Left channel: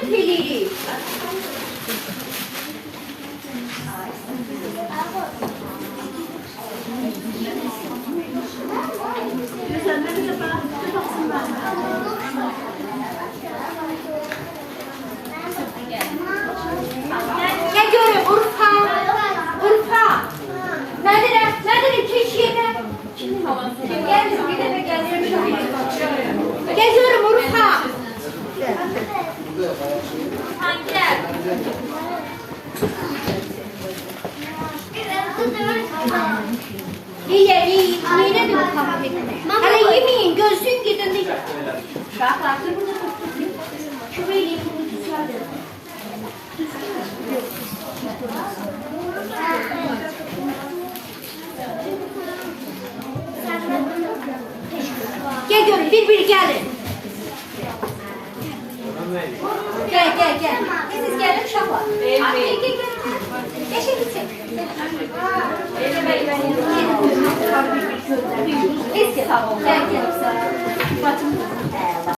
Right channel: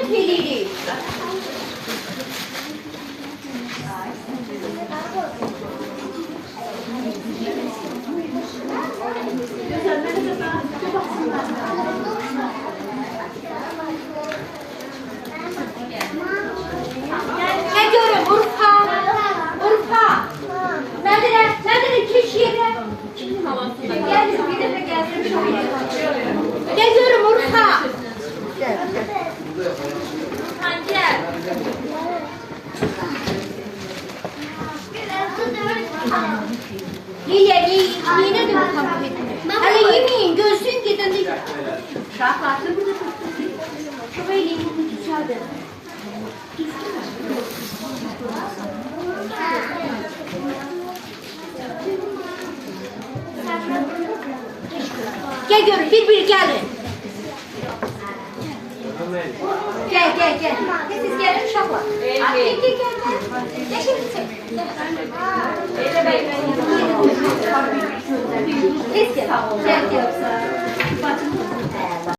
söhbət eləyirik. Ne görüm Urfa? Urfa. Nedir keş yeri? Geldim bir defa geldim şöyle. Geziyorum Urfa. Hangi yer? Niye de bu kapı etme? Hele yemeyin gözün gidin. Şahlatı burada tutsun. Şöyle yemeğini düzeldir. Gel görün bir gelin. Gel. Siz gelin uşaqlar. Gel. Eşiniz çek. Elə bəylər yanına. Tez gel. Gel. Bacım.